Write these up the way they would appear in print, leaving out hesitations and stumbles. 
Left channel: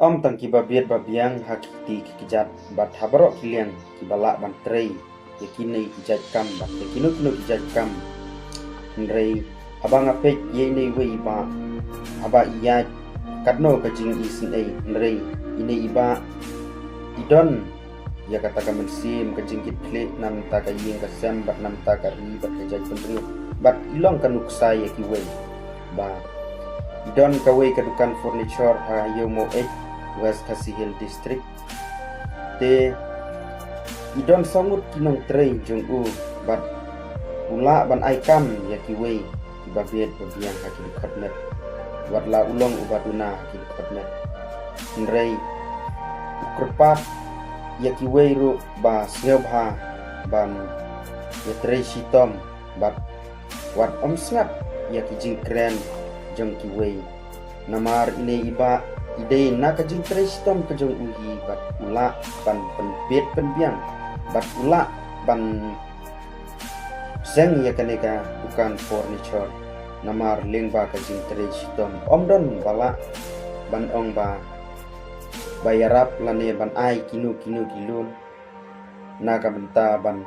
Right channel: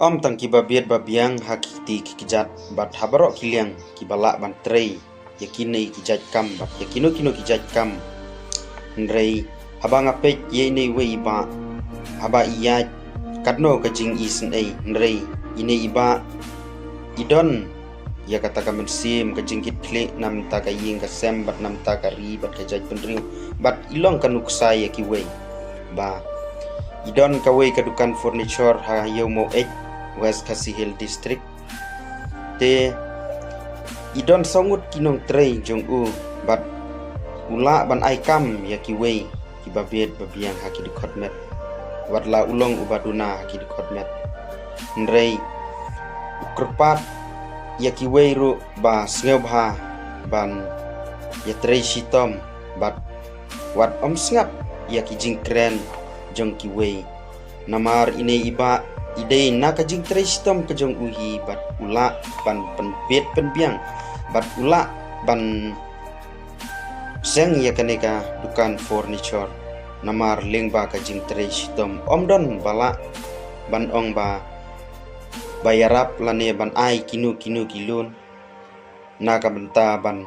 Om tang kibabiat babiang hakiti kikijat bat habarok kiliang kibala ban trei yakini kijat kam bat yakino kino kijat kam nrei habang apek ye nei wei ba haba iya kadno kajing isen ei nrei ine iba idon ya kata ka mensim kajing kitle nam ta ka ying ka sem bat nam ta ka ri bat kajat penriu bat ilong kanuksa ya kiwei ba idon kawei kadukan furniture ha yomo ek West Khasi Hill District te idon songut kinong trei jong u bat ula ban aikam ya kiwei kibabet babiang haki di kotmet wadla ulong ubaduna haki di kotmet nrei ukrpat ya kiwei ru ba sngeubha ban ya trei sitom bat wat om sngat ya kijing kren jong kiwei namar ine iba ide naka jing trestom ke jong uhi bat ula ban penbet penbiang bat ula ban seng ya kaneka dukan furniture namar lengba ka jing trestom omdon bala ban ong ba bayarap lane ban ai kinu kilun naka benta ban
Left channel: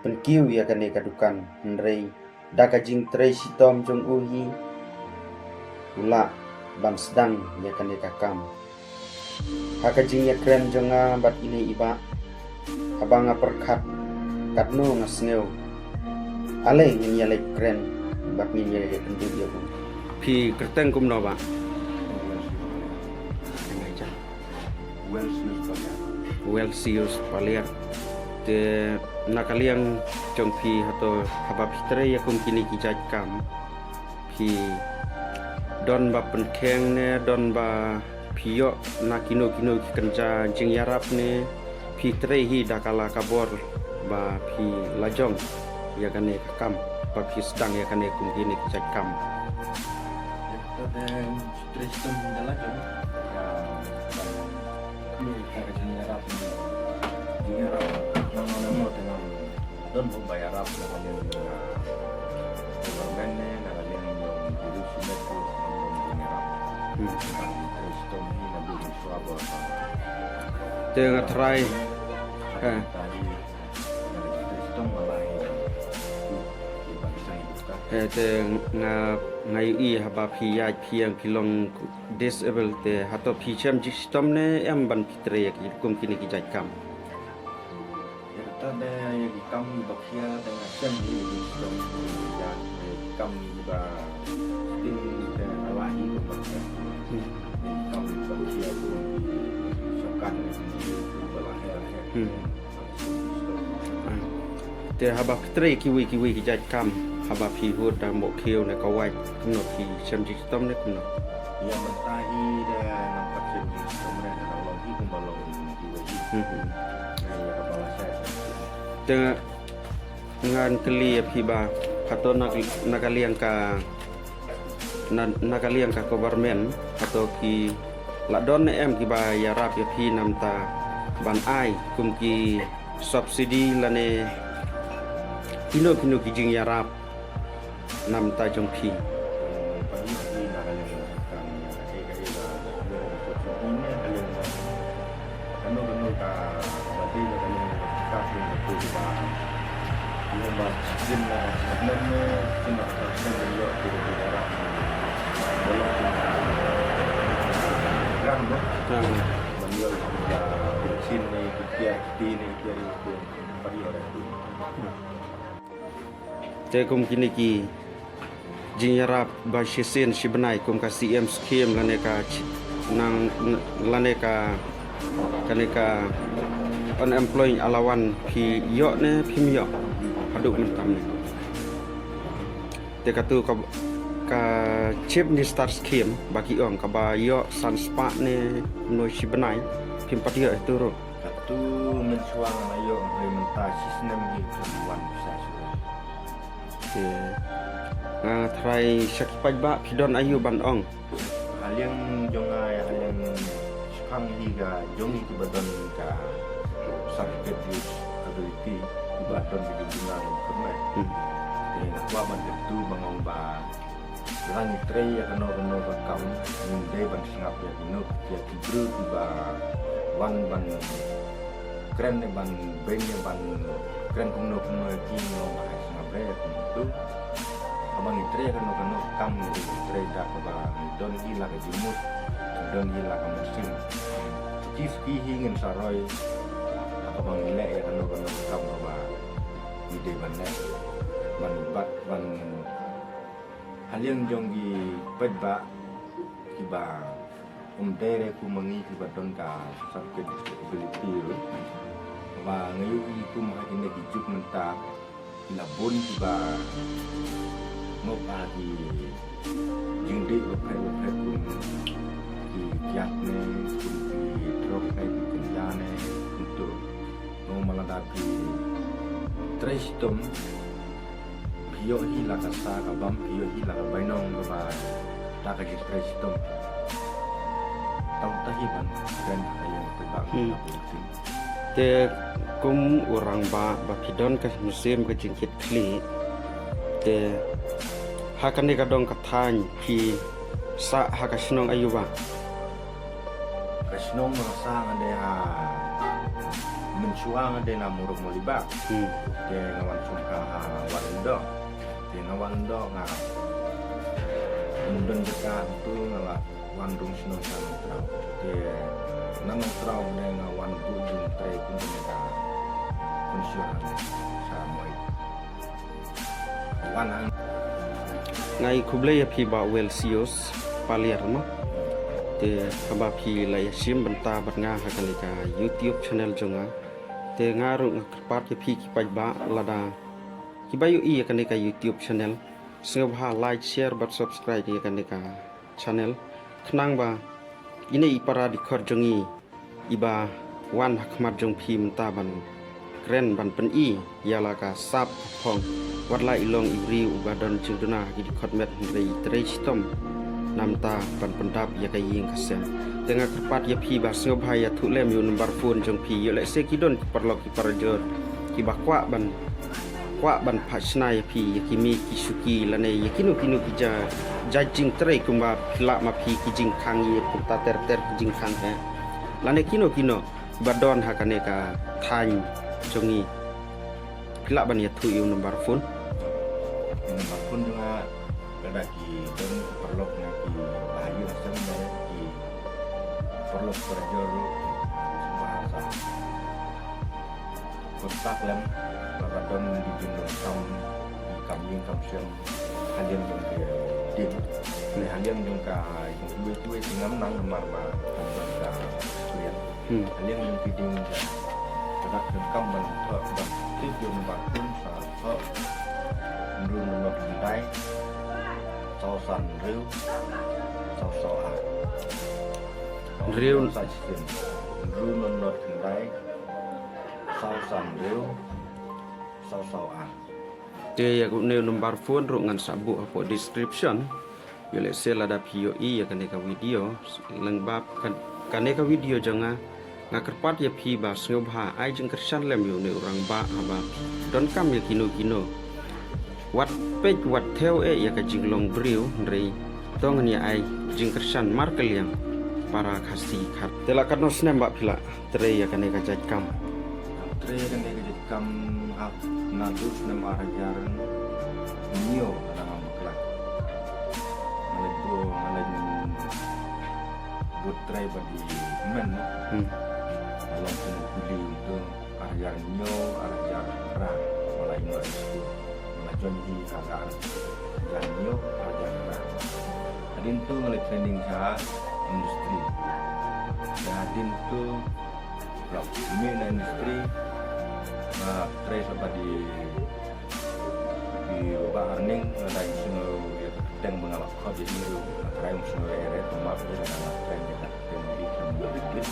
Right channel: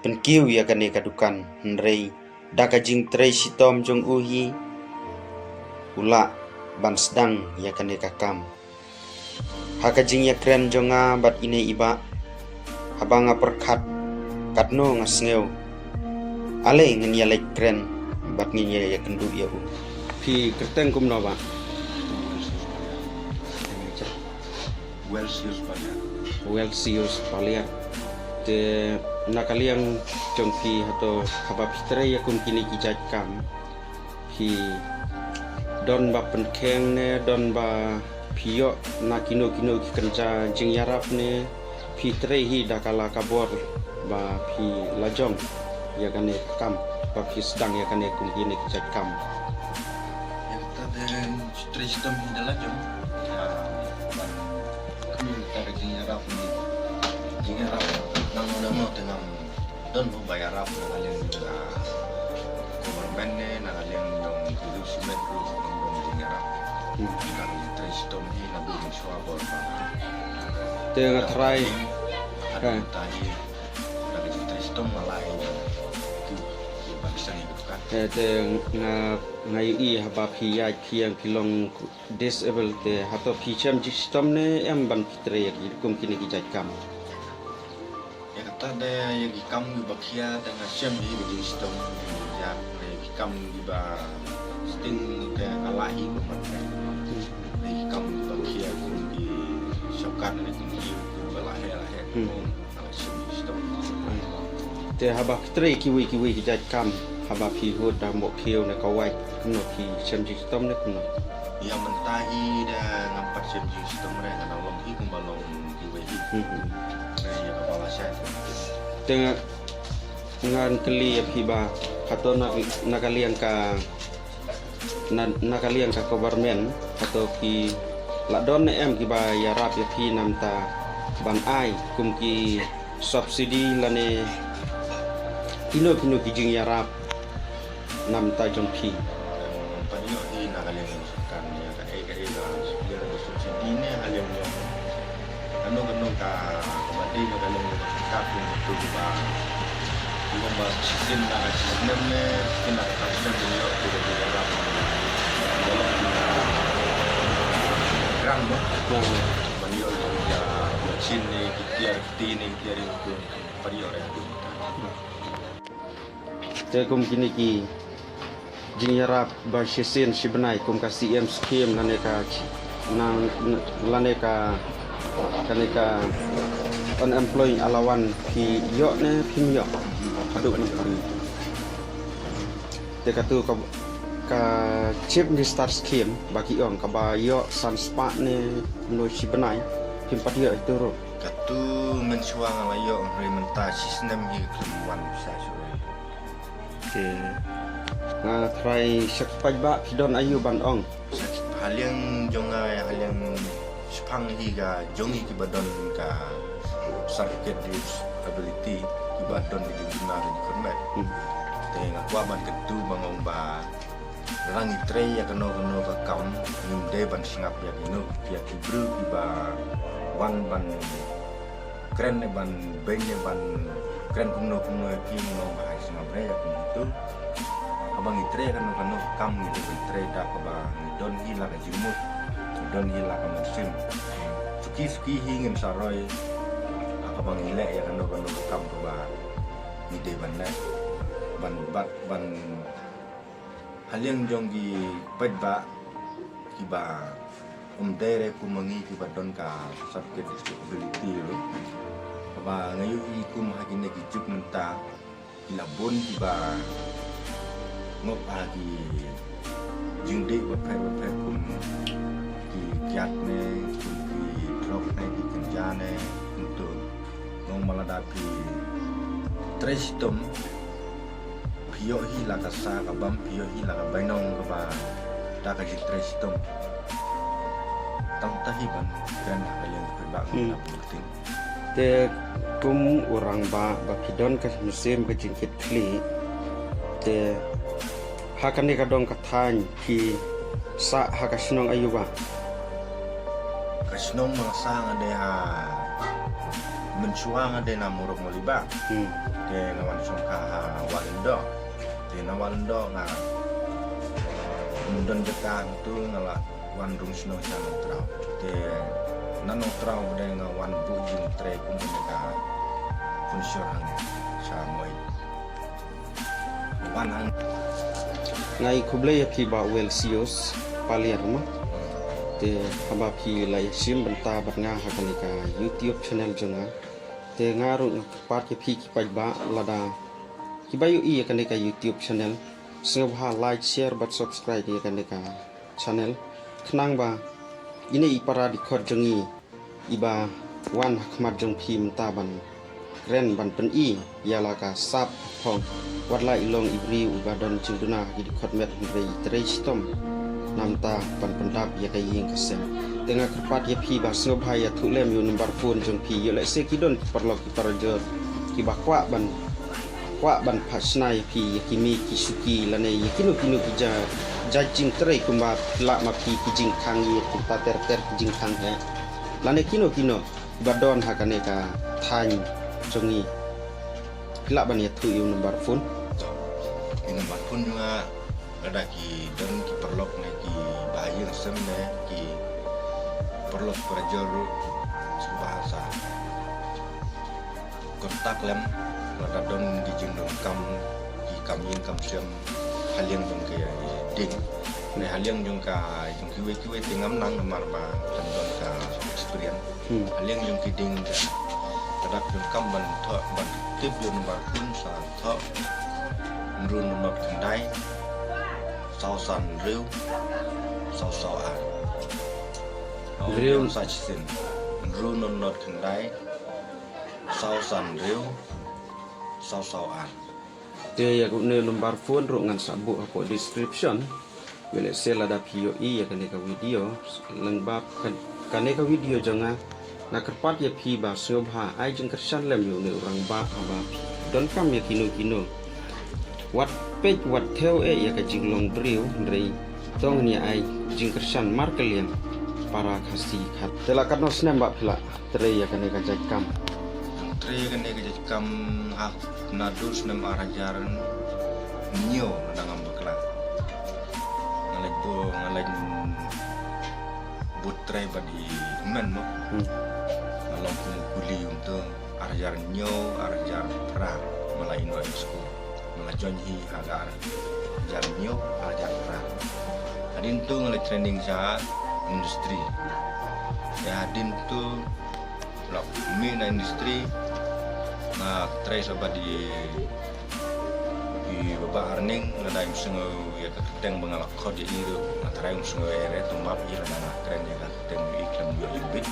penkiu ya kaneka dukan nrei daka jing trestom jong uhi ula ban sedang ya kaneka kam hakajing ya kren jonga bat ine iba habanga perkat katno ngasngeu ale ngin ya lek kren bat ngin ya kendu ya bu pi kerteng kum no ba Welsius Paliar te nakaliang jong pi hato haba pitre ya kum kini kijat kam pi don ba penkeng ne don ba pio na kino kenca jing yarap ne pi trehi dakala kabor ba pi lajong ya kane kam ba pi sedang ya kane kungkini kijat kam ya kita dan tristom di lajong ya bang kami kita jing yarap nang namo dengan don mo bayarap na kalian juga government ne na kalian yung hidup simetro kang di tristom hi na dumi swabor ba tengah try kan tadi dari tristom malai ki bangsa hidup kan te ngai haba pi ya piang pilong disable te hato pi cham sistem ne em ban pitre ya ki kum kini ki jat kam ya kata de ya ki kam gi bakia dengan syam hi di sistem ya ki kam gi ba sting ke alahi ko mereka di kam bakia di syokat ni di balahe ala system te haba pitre kiwi ki jat kam haba pi hod da mo keu ne kawai kuno pi cham sistem ne kuno ya mentahi dan nampak syam system re ngana long hi kum balong kiwi ya kepala saya dengan ngan keli piba hato nakaliang ka nakaliang ka government atau ki ladon em ki ba yarap ya pi namta ban ai kum ki subsidi lane kino ki jing yarap namta jong pi panyo hi nakaliang kan ya ka ya subsidi ne haliang kano ka badi na kalong ka kung betul ba yung ba sistem na sistem ne kita sistem yo di dalam dalam kita gran mo banyo ya machine ne kitiar itu pariore te kum kini ki jing yarap ba shisen shibenai kum ka CM scheme laneka nang laneka kaneka unemployed alawan pi yo ne pi yo haduk ni te katu ka chip ni start scheme bagi ong ka ba yo san spa ne no shibenai pim patia itu ro katu mensuang ayo implementasi sistem hi keluan bisa sudah te nga try sakpai ba pidon ayu ban ong hal yang jonga hal yang sepang higa jongi ki badon ka certificate disability ki badon di jumlah di kormet te ngakwa ban ketu bangong ba rangi tre ya kano ka kam de ban singap ya kinu ya kibru kiba wan ban kren ne ban benye ban kren kumno kino bahai singap re ya kitu abang itre kano kam ni ban tre da ba don hila ka jimut don hila ka musim suki hingin saroy abang ile ya kano kam ba ni de ban ne ban bat ban haliang jonggi pagba kiba dere ku mangi kiba don ka sakit disability lo ba ngayu ku mahagine ki juk menta kilabon kiba ngop agi jingde ba per kum ki kiat ne kum ki drop ne ki kenjane untuk ngom maladapi trestum pio hi la kasa ka bam pio hi la ka bainong ka ba da ka jitres tom tam tahiban kan kayong pibak na penting te kum orang ba pidon ka musim ka jingkit kli te hakane ka dong ka than pi sa hakasinong ayuba kasnong mga sang ade ha mensuang ade na muruk moliba te ngawan sungka ha walindo Tinawaldo nga undon jeka tu ngala wandung sino sana trau te nanong trau bade nga wan bujung tre kun ka funsyurang sa moi wan ang ngai kuble ya pi ba wel sios paliar ma te haba pi la sim benta bat nga hakanika YouTube channel jonga te ngaru ngapat ya pi ki ba lada Kibayu iya kan deka YouTube channel, sengabha like share but subscribe iya kan deka channel. Kenang ba ini ipara di kor jongi iba wan hakmat jong pi mentaban keren ban pen i yala ka sap phong wadla ilong ibri ubadon jengduna di kor met rei trei stom namta ban pendap ya kaying kasem. Tengah kerpat ya pi ba sengabha ya tulem yu nomor phone jong pi yo le sekidon perlok iparajot kibakwa ban kwa ban pasnai pi yakimi kisuki lane yakino kino kija jajing trai kumba pila ma pi kijing khangi kumta ter kijing khang he lane kino badon hakane ka than jongi pila ban ya thu yu nomor phone juga ada ki dan ki perlok ne ki bahaya sem ne ki perlok perjoro bahasa kontak lem Radon di jendon kam yin kam siam haliang jong ke ding ne haliang jong ka jong kiwe tingam nang nomar ba jong ka experience haliang jong ki ding ka tadak jong kam ban tho ban tip yo nomor kun sa tho run not kendai sau san riu sau a riu sa chisin run not kendai sau san riu sau-sauan. Dia ya guna nomor phone rungan sabu apa description. Bila sel ada POE ya kaneka video lengbab kaneka video jonga ngakerpat ya pi ba snobha ai jeng kersan lem yo ne orang ba aba don kam ya kino wat page wat theo ya ka jinglong briu rei tong ni ai jeng kersan markel yang para kasih khat telakat no snem ba pila tre ya kaneka jakam tre kaneka jakam ha nadus nem arajaran nyo nang ambekla ngalaj butre badi men no ngalong kumuli untuk arajar nyo arajar pra malai no school malajon hi hagar arajar nyo arajar pra adin tu ngalaj training sa industri ya adin tu lok mi na industri na try sa badi di baba arning na daim sengo ya keteng bangalak kod ya iru na try sengo ere tomap ila na keren ya keteng iklan yo libit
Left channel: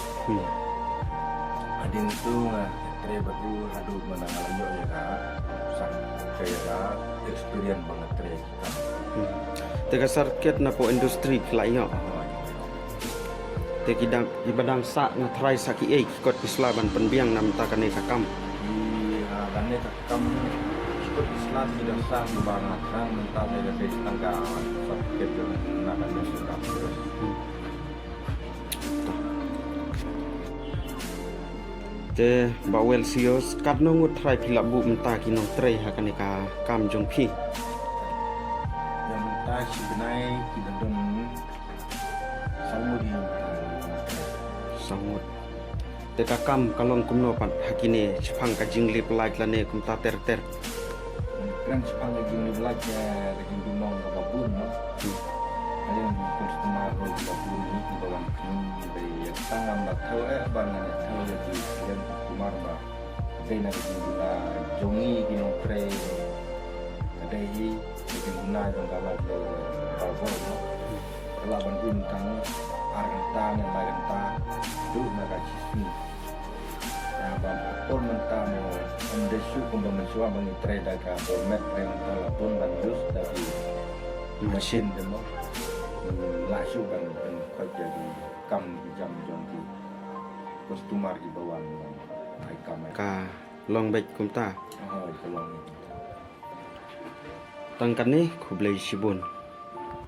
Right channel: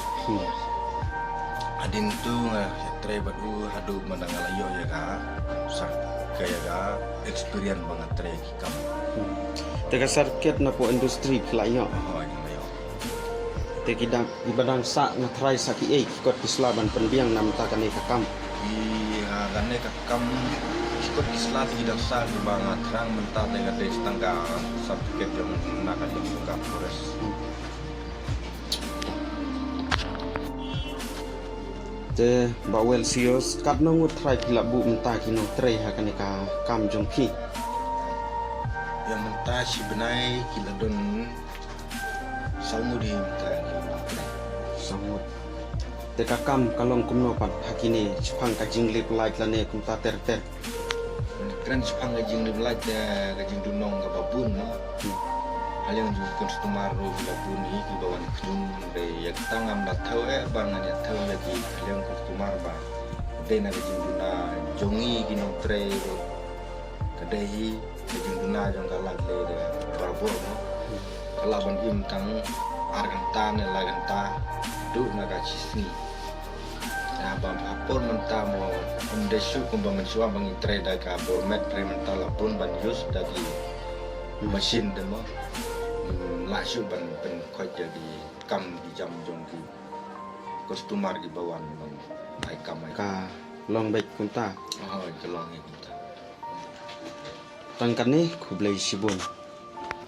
adin tu nga try badu hadu manangalayo ya ka sar kaya ka experience banget try kikam tega sarket na po industri pelayo te kidang ibadang sa nga try sa ki kikot pislaban penbiang nam ta kaneka kam i gane ka kam ikut islat tidak sah di banga terang mentah negara tangga subtiket yang nak kalian juga proses. Te bawel sios kat nongut try pila bu mentah kinong tray hakanika kam jong pi. Yang mentah si benai kila don salmudi mentah kila. Sangut. Te kam kalong kumno pat hakini chipang ka jinglip like lane kum ta ter. Keren sepang gajing di belajar gajing dunong ke babun no. Haliang juga konsumer ro bila buni di bawah kenyum dari yang tangam na tahu bangan ya tahu ya di haliang konsumer ba. Kedai na gajing duna jongi ginong tre kedai gajing duna jong galak le de barbo no. Kalaban im tang arganta ne laganta du na gacisni. Nah, bang apor mentah mo desu kumba mensua bangi trade ka bormet pre mentah lapun ban use dari mesin demo langsung ban pen koi jadi kam di jam jong di customer di bawah bang ai kam ai Ka long baik kum ta. oh kelong ini Tangkan ni kublai sibun.